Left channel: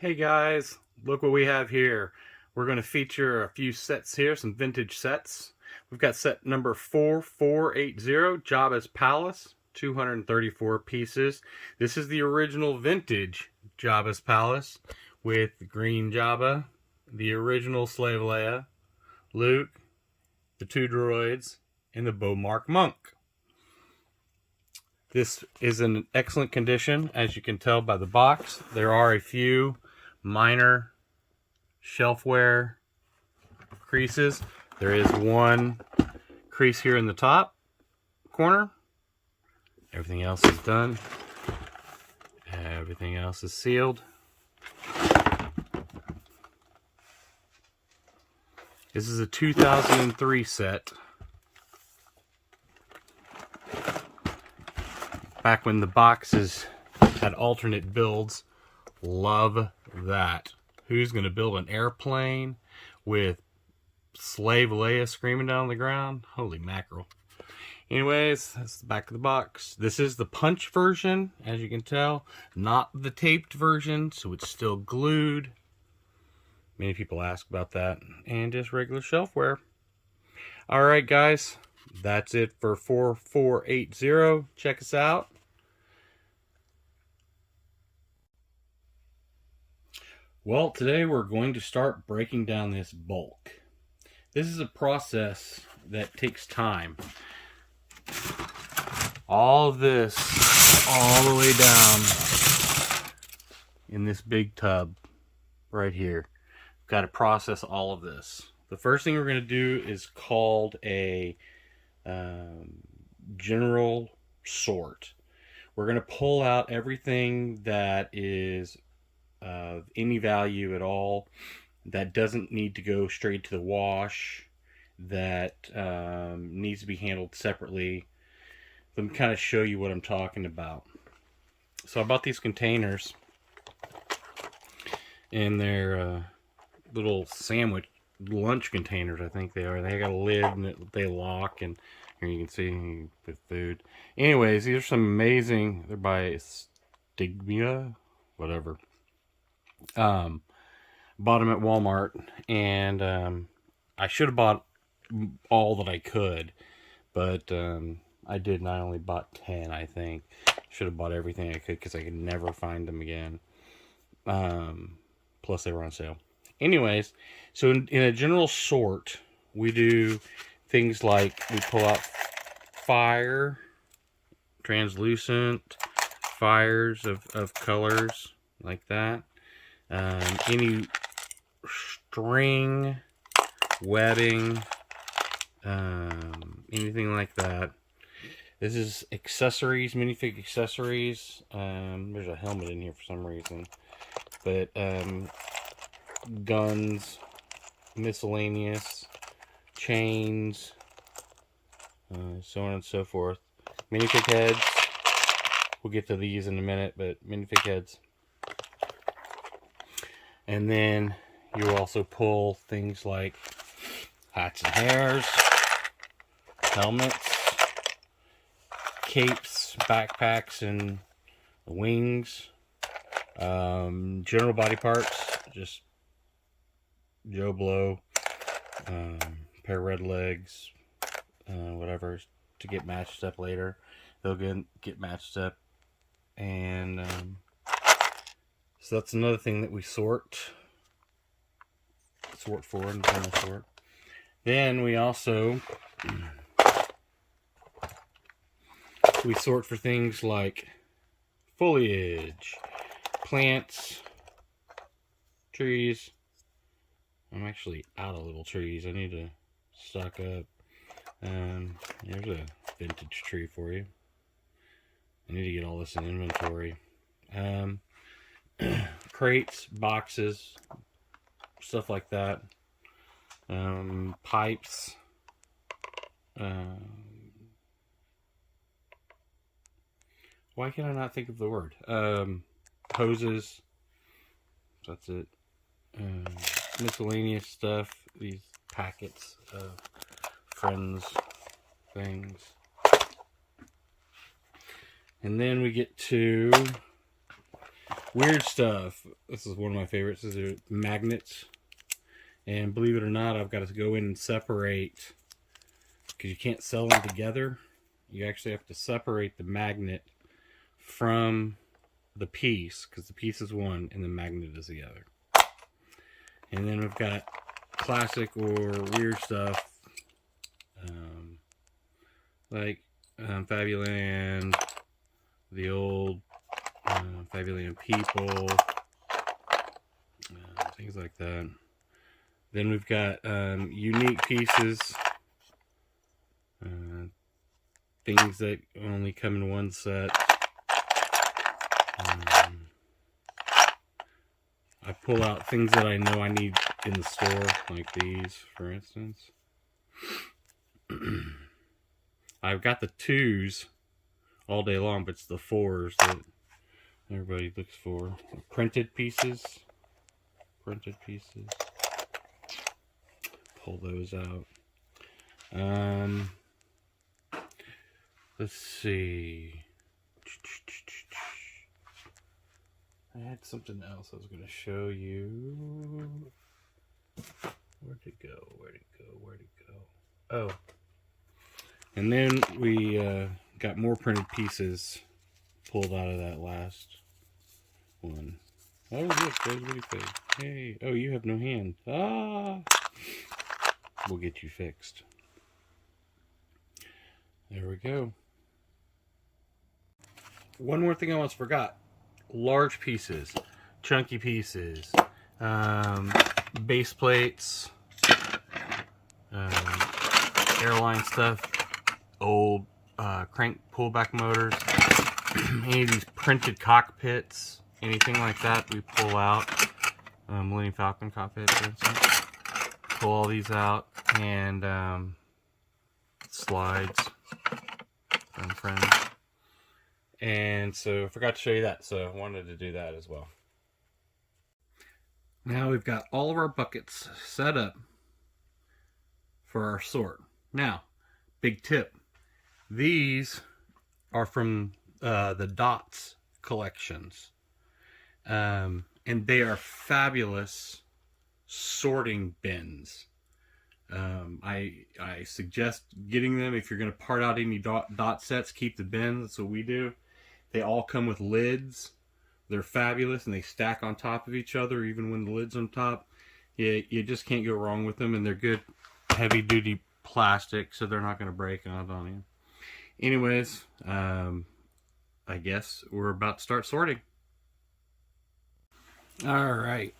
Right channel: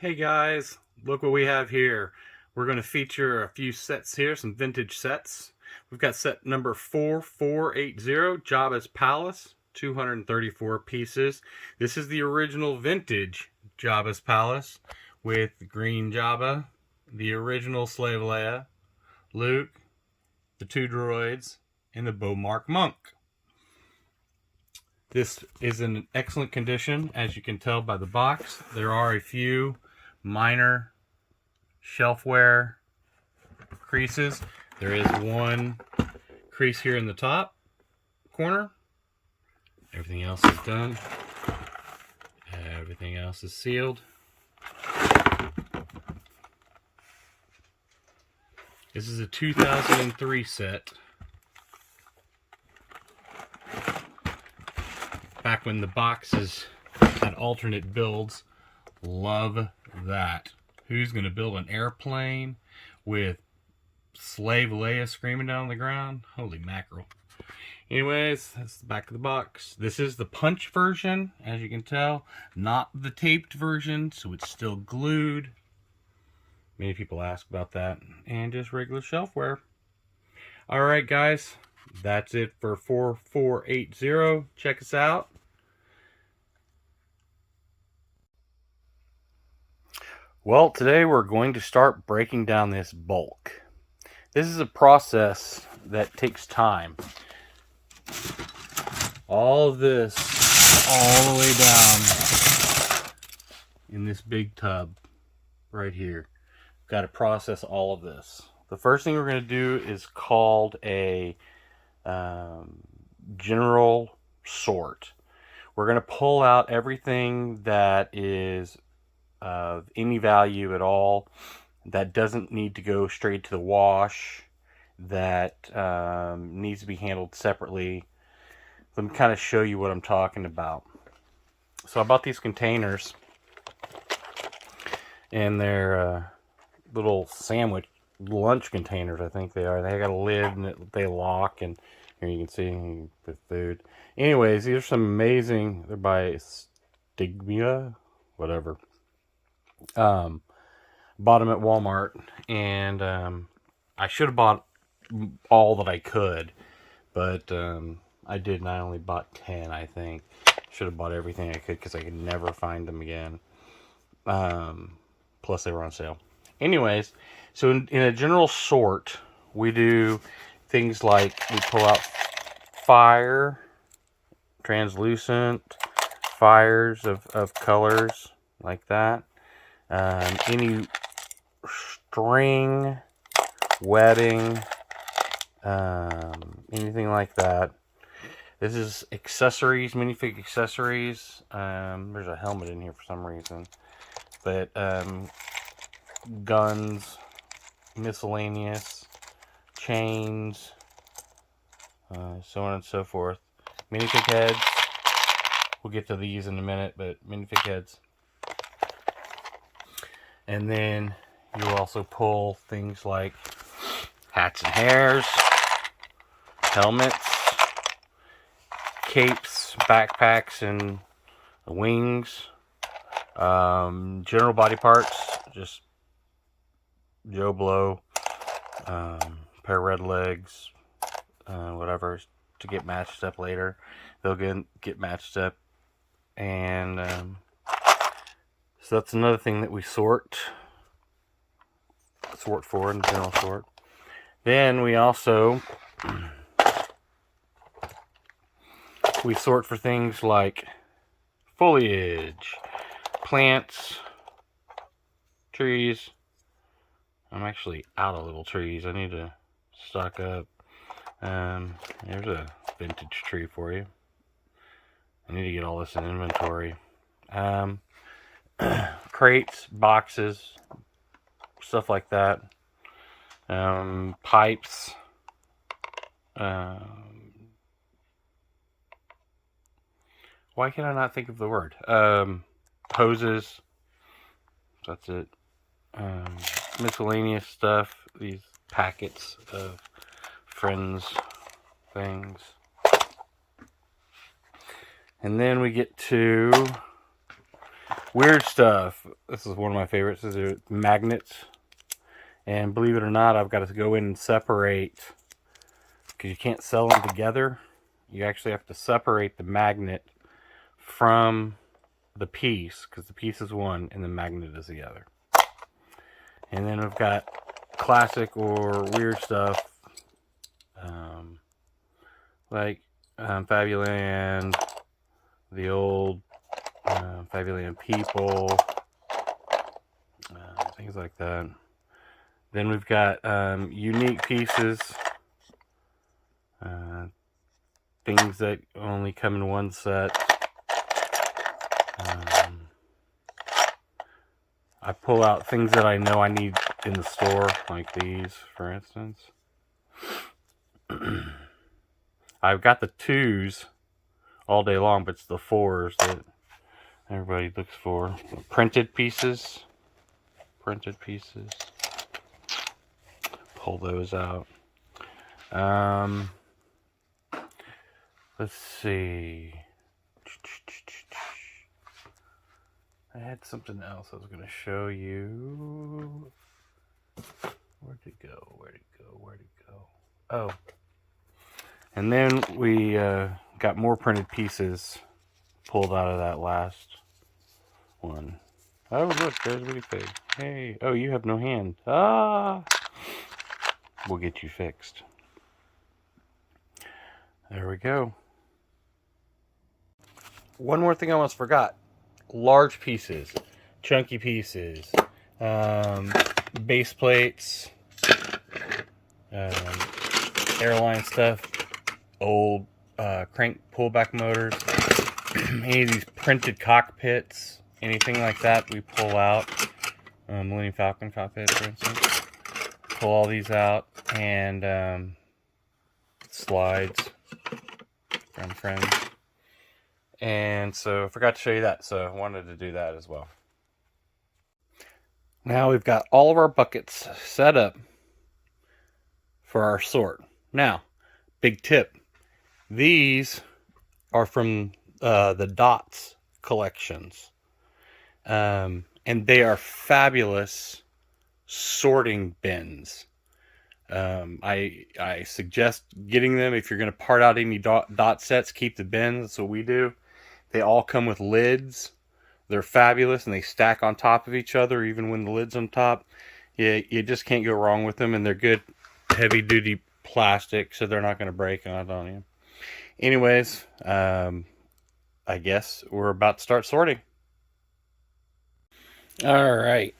Hey guys, look what we have here. We're going to feature a few sets here, some vintage sets. We've got set number 4480, Jabba's Palace, 234 pieces. This is the original vintage Jabba's Palace with Green Jabba, the original Slave Leia, Luke, the two droids, and the Bowmark Monk. This is in excellent condition, as you can tell by the box. There are a few minor shelf wear creases. There is one crease here in the top corner. Everything else is done. Everything else is sealed. This is a 2003 set. Back when the boxes had alternate builds. Love that. Who's going to build an airplane with Slave Leia screaming down the ground? Holy mackerel. Anyways, that's the back of the box. This is the punch version, as you can tell. Not the taped version, so it's still glued. Many people ask about that. And just regular shelfware. Alright guys, that's it for 4480. Check us out. Well, today we're going to start breaking down this bulk. This is a process that takes time. All of this, all the way down in this big tub right here. Got to process all of this. The first thing we're going to do is called a general sort. We're going to pull out everything that is of any value at all, that doesn't need to go straight to the wash, that needs to be handled separately. Let me kind of show you what I'm talking about. So I bought these containers, and they're little sandwich lunch containers, I think they are. They got a lid and they lock, and here you can see with food. Anyways, these are some amazing, they're by Stigmia, whatever. Bought them at Walmart, and I should have bought all that I could, but I didn't. I only bought 10, I think. Should have bought everything I could because I could never find them again. Plus they were on sale. Anyways, so in a general sort, we do things like we pull out fire, translucent, fires of colors like that. Any string, wedding, anything like that. This is accessories, minifig accessories. There's a helmet in here for some reason. But guns, miscellaneous, chains, so on and so forth. Minifig heads. We'll get to these in a minute, but minifig heads. And then you'll also pull things like hats and hairs, helmets, capes, backpacks, and wings, general body parts, just Joe Blow, pair of red legs, whatever, to get matched up later. They'll get matched up, and so that's another thing that we sort for in general sort. Then we also we sort for things like foliage, plants, trees. I'm actually out of little trees. I need to stock up. There's a vintage tree for you. I need to get all this in inventory. Crates, boxes, stuff like that. Pipes. Why can I not think of the word? Hoses. That's it. Miscellaneous stuff. These packets of friends things. And then we get to Weird stuff. This is one of my favorites. These are magnets. And believe it or not, I've got to go in and separate, because you can't sell them together. You actually have to separate the magnet from the piece, because the piece is one and the magnet is the other. And then we've got classic or weird stuff, like Fabuland, the old Fabuland people, things like that. Then we've got unique pieces, things that only come in one set. I pull out things that I know I need in the store, like these, for instance. I've got the 2s all day long, but it's the 4s that everybody looks for. Printed pieces. Pull those out. Let's see. I had something else I was going to show you. Where'd it go? Oh. And then we got more printed pieces pulled out of that last one. Oh, look, there's Bitty Pig. Hey. Oh, you have no hand. Ah! We'll get you fixed. There we go. One more thing I almost forgot. Large pieces, chunky pieces, base plates, airline stuff, old crank pullback motors, any of these printed cockpits, anything like that we pull out. Millennium Falcon cockpit, for instance. Pull all these out, and slides from friends. And so I forgot to show you that, so I wanted to do that as well. Now we've got all of our buckets set up for our sort. Now, big tip. These are from the Dots collections. And they are fabulous sorting bins. I suggest getting them if you're going to part out any dot sets. Keep the bins. That's what we do. They all come with lids. They're fabulous, and they stack on top of each other even when the lid's on top. You just can't go wrong with them, and they're good heavy-duty plastic, so they're not going to break on you. Anyways, I guess we're about to start sorting. All right.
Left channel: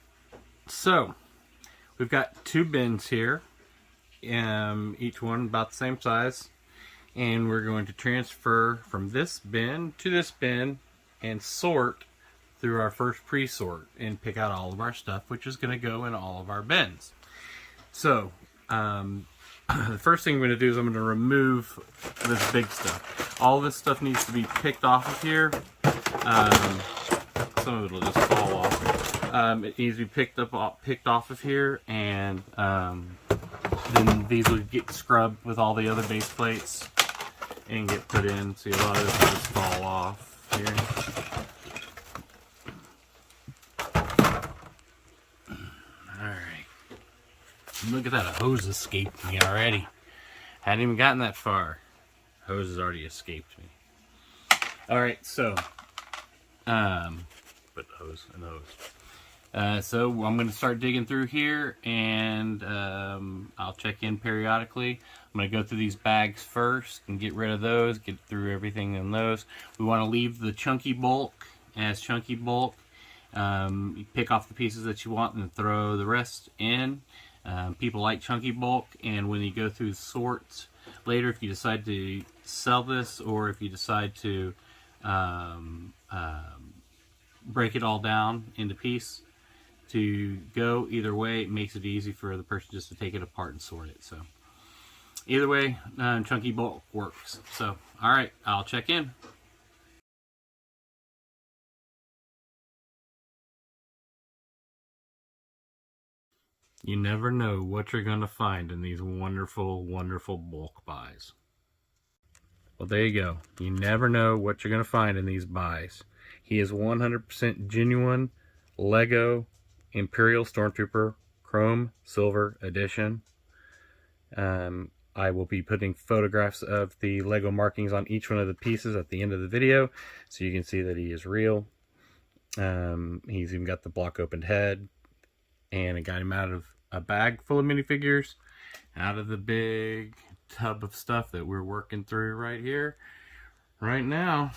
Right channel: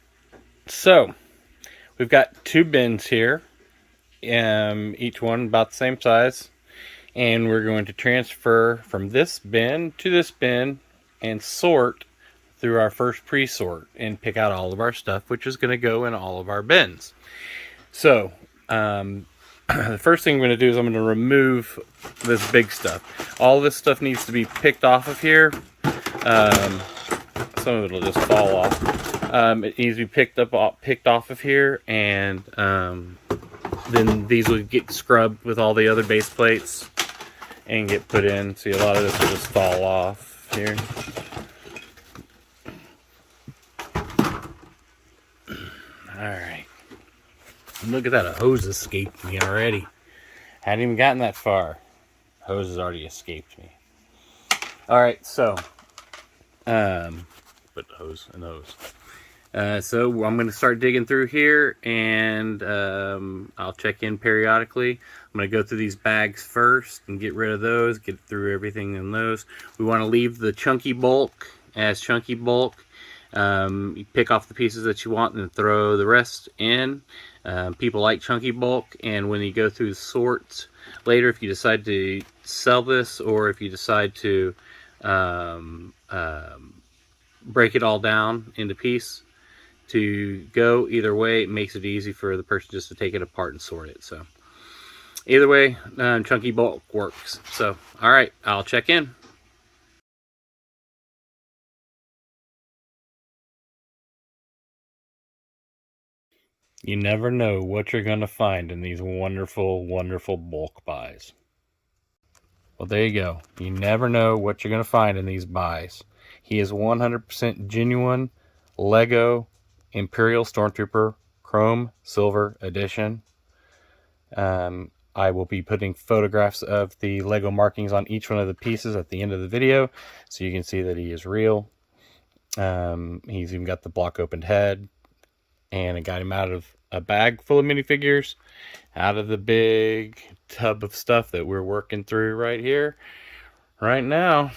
So, we've got 2 bins here, each one about the same size. And we're going to transfer from this bin to this bin and sort through our first pre-sort and pick out all of our stuff, which is going to go in all of our bins. So, the first thing I'm going to do is I'm going to remove this big stuff. All this stuff needs to be picked off of here. Some of it will just fall off. It needs to be picked off of here, and then these will get scrubbed with all the other base plates and get put in. See, a lot of this will just fall off here. Alright. Look at that, a hose escaped me already. Hadn't even gotten that far. Hose has already escaped me. Alright, so put hose and hose. So I'm going to start digging through here, and I'll check in periodically. I'm going to go through these bags first and get rid of those, get through everything in those. We want to leave the chunky bulk as chunky bulk. You pick off the pieces that you want and throw the rest in. People like chunky bulk, and when you go through the sorts later, if you decide to sell this or if you decide to break it all down into pieces to go, either way, it makes it easy for the person just to take it apart and sort it. So either way, chunky bulk works. So, all right, I'll check in. You never know what you're going to find in these wonderful, wonderful bulk buys. Well, there you go. You never know what you're going to find in these buys. He is 100% genuine Lego Imperial Stormtrooper Chrome Silver Edition. I will be putting photographs of the Lego markings on each one of the pieces at the end of the video, so you can see that he is real. He's even got the block opened head, and I got him out of a bag full of minifigures, out of the big tub of stuff that we're working through right here, right now.